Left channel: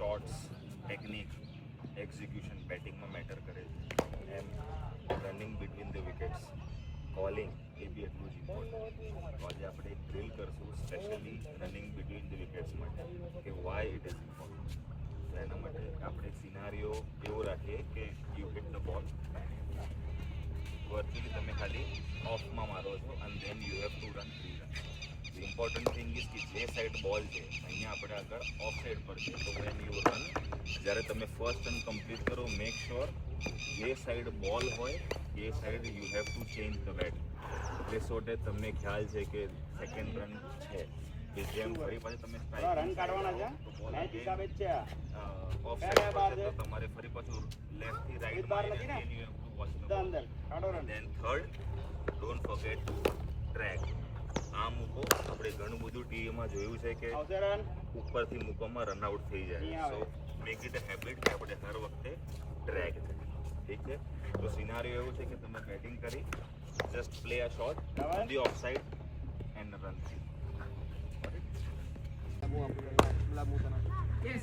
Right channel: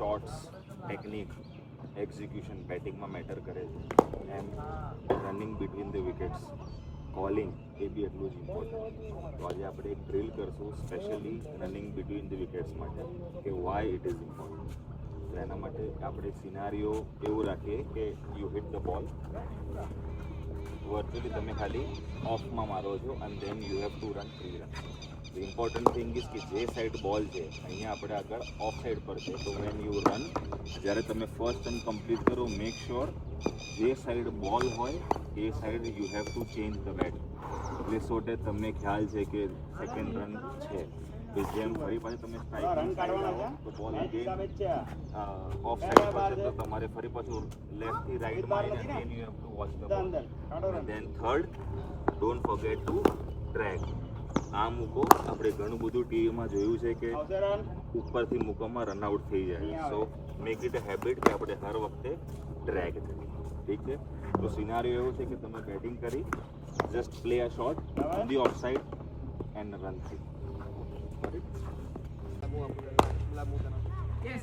Shots, technique, execution બેટિંગમાં matter કરે છે, એમ running between the wickets, calling એ બી એટલું જ ઇમ્પોર્ટન્ટ. તો આજે આપણે એક ડ્રીલ કરશું specially running between the wickets માટે કે વાય ઇટ ઇઝ ઇમ્પોર્ટન્ટ. તો એના માટે આપણે સિનારીઓ એવું રાખીએ કે you hit the ball, virtually તમે ખાલી ઓફમાં મારો છો અને then you have to run 3 run. The important thing is કે જે સાઈડ બોલ છે અહીંયા આપણે આગળ ઓફ સાઈડ પર છે, તો વેન યુ રન, જ્યારે તમે ફર્સ્ટ રન કમ્પ્લીટ કરો, મેક શ્યોર જે સાઈડ બોલ હોય એ side you have to change the bat. એટલે સોટે તમને ખ્યાલ છે કે સેકન્ડ રન છે, કે જેમ ફરી પાછું તમે સ્ટ્રાઇકની સાઈડ આવો તો બોલ અગેન ઓફ સાઈડ પર છે, તો તમારે ફરી પાછું લેફ્ટથી રાઈટમાં આવીને again you have to watch the ball. અને then third, don't forget to track. આ મૂકો, આપણે ઘણું બધું ટીવીમાં જોયું છે કે ઉપરથી મૂકવામાં રનઆઉટ થઈ જાય. સો મેક ઇટ અ હેબિટ કે આપણે હર વખતે ડ્રેગ કરીએ. ઠીક છે? તો સિનારીઓ એવું છે કે તમે બેટિંગ કરી, just play a shot on the off side and run થઈ. Yes.